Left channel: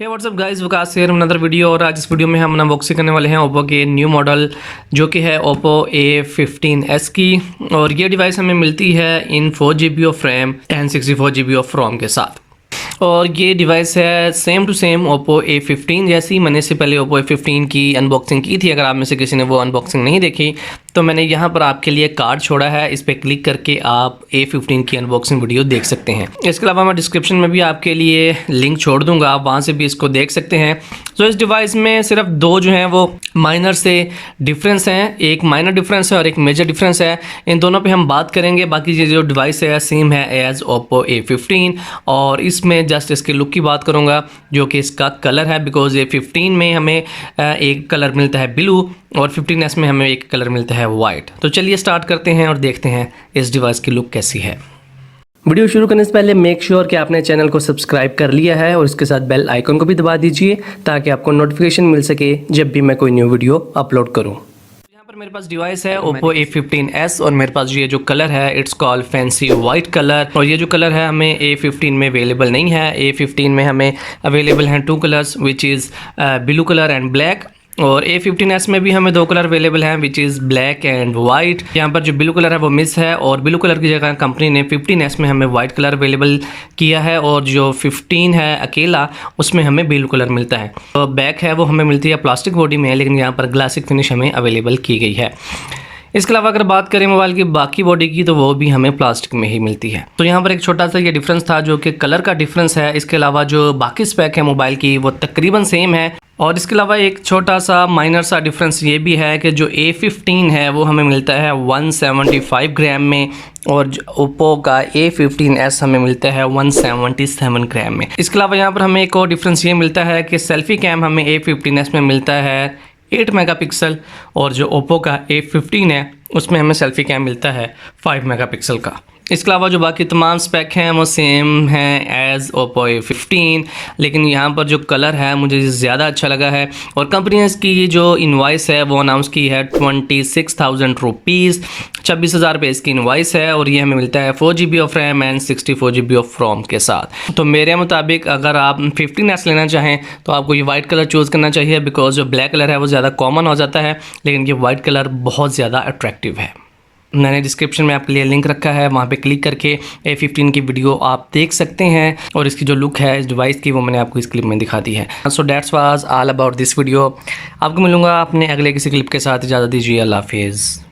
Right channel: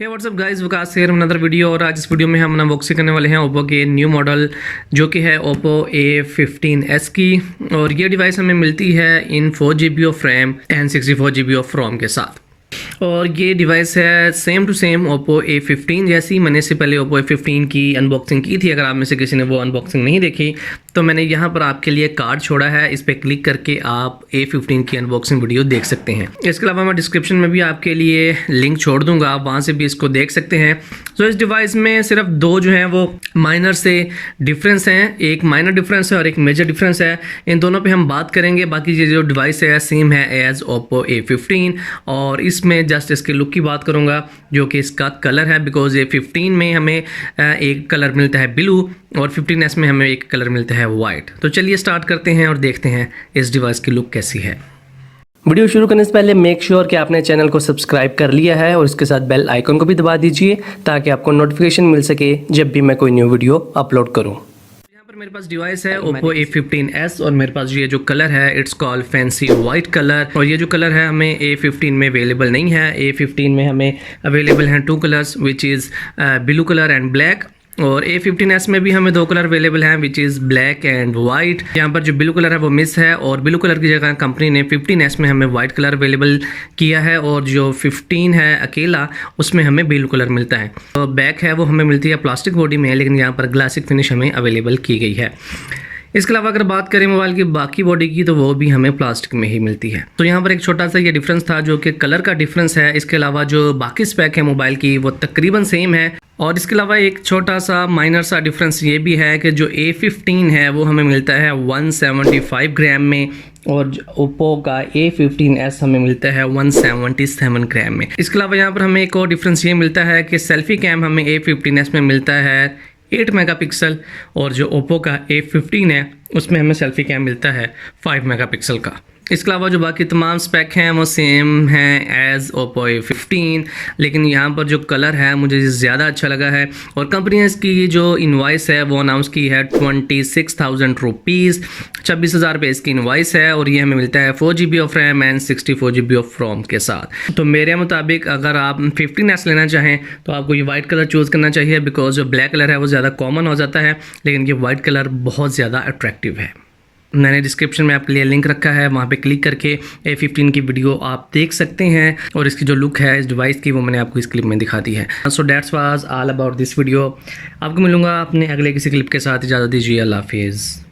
Hey what's up guys, Waqas here another video. और आज इस वीडियो में हम अनबॉक्सिंग करने वाले हैं ओप्पो के न्यू मॉडल जो कि है ओप्पो A15s की। और ये डिवाइस हमें मिलती है in 4GB of RAM and 64GB of ROM के साथ। और ये डिवाइस है same to same Oppo A15 जैसी। मैंने इससे पहले ओप्पो A15 की अनबॉक्सिंग की थी। अगर आप में से किसी ने वो अनबॉक्सिंग नहीं देखी तो मैंने यहाँ पर आपके लिए कार्ड छोड़ा है, इस पर क्लिक करके आप A15 की अनबॉक्सिंग वीडियो देख सकते हैं। इसके अलावा मैं डिस्क्रिप्शन में भी आपके लिए लिंक छोड़ दूंगा, आप वहाँ से भी इसको देख सकते हैं। तो इस डिवाइस में सिर्फ दो जो हैं वो माइनर से डिफरेंस हैं, एक माइनर डिफरेंस है और एक मेजर डिफरेंस है। इन दोनों पे हम बात करेंगे। बाकी ये जो डिवाइस है सेम है एज ओप्पो A15। और इसमें जस्ट इसके लुक की बात करूँगा जो कि इसका कलर है, बिकॉज A15 में हमें एक कलर मिलता है ब्लू और 15s में हमें एक कलर मिलता है वाइट। तो चलिए स्टार्ट करते हैं और देखते हैं इस डिवाइस की लुक कैसी है। वीडियो शुरू करने से पहले मेक श्योर कि आपने चैनल को सब्सक्राइब कर लिया है और इसके साथ बेल आइकन को भी दबा दीजिए ताकि आपको नोटिफिकेशन मिल सके जब भी मैं कोई न्यू वीडियो अपलोड करूं। यहाँ पर मेरे पास डिवाइस है ओप्पो A15s और मेरे पास ये जो कलर है it's called fancy white colour. और ये जो कलर है हमें A15 में अवेलेबल नहीं है। A15 में हमें अवेलेबल हैं two colours which is blue colour and black. और A15s में भी हमें दो कलर अवेलेबल हैं which is black and white. यहाँ पर जो ब्लू कलर है वो मिस है और ब्लू कलर की जगह कंपनी ने 15s में हमें वाइट कलर अवेलेबल किया है। और जो 15 है अकेला उसमें हमें ब्लू कलर मिलता है। तो बैक है वो हमें मिलती है प्लास्टिक बॉडी में, लेकिन यहाँ पर ग्लासिक फिनिश हमें अवेलेबल की गई है। इसके अलावा अगर बात करें मोबाइल की बाकी बॉडी की तो वो भी हमें प्लास्टिक में ही मिलती है। तो यहाँ पर एक छोटा सा ये डिफरेंस था जो कि कलर का डिफरेंस है। इसके अलावा जो बाकी स्पेक है मोबाइल की वो तकरीबन सेम है। और इसके अलावा एक छोटा सा माइनर सा डिफरेंस ये भी है कि जो A15 है वो हमें मिलता है 175 ग्राम में और ओप्पो का A15s हमें मिलता है 177 ग्राम में। इसके अलावा यहाँ पर हमें एक और डिफरेंस ये मिलता है कि सेल्फी कैम हमें A15s में मिलता है 8 मेगापिक्सल और जो ओप्पो का A15 है उसमें हमें सेल्फी कैम मिलता है 5 मेगापिक्सल का। इसके अलावा जो बाकी तमाम स्पेक हैं वो सेम हैं एज़ ओप्पो A15, लेकिन यहाँ पर जो कलर है मुझे ज़्यादा अच्छा लगा है। और कंपनी ने इसकी ये जो इनवाइस है वो अनाउंस की है 26,000 रुपीज़, 26,000 रुपये इसकी इनवाइस है। और ये हमें मिलता है 4GB of RAM and 64GB of ROM के साथ। तो मेरे मुताबिक अगर आप 15s लेना चाहें तो आपको ये वाइट कलर चूज़ करना चाहिए, बिकॉज जो ब्लैक कलर है वो ज़्यादा कॉमन हो जाता है, लेकिन ये वाइट कलर बहुत ज़्यादा अट्रैक्टिव है। मैंने डिस्क्रिप्शन में आपके लिए लिंक रखा है, वहाँ पे क्लिक करके A15 की वीडियो आप देख सकते हैं। और इसकी जो लुक है इस डिवाइस की वो मैंने आपको इस क्लिप में दिखा दी है। So that's was all about this video. आपको मिलूंगा अपने अगले किसी क्लिप के साथ। इजाज़त दीजिए, अल्लाह हाफिज़।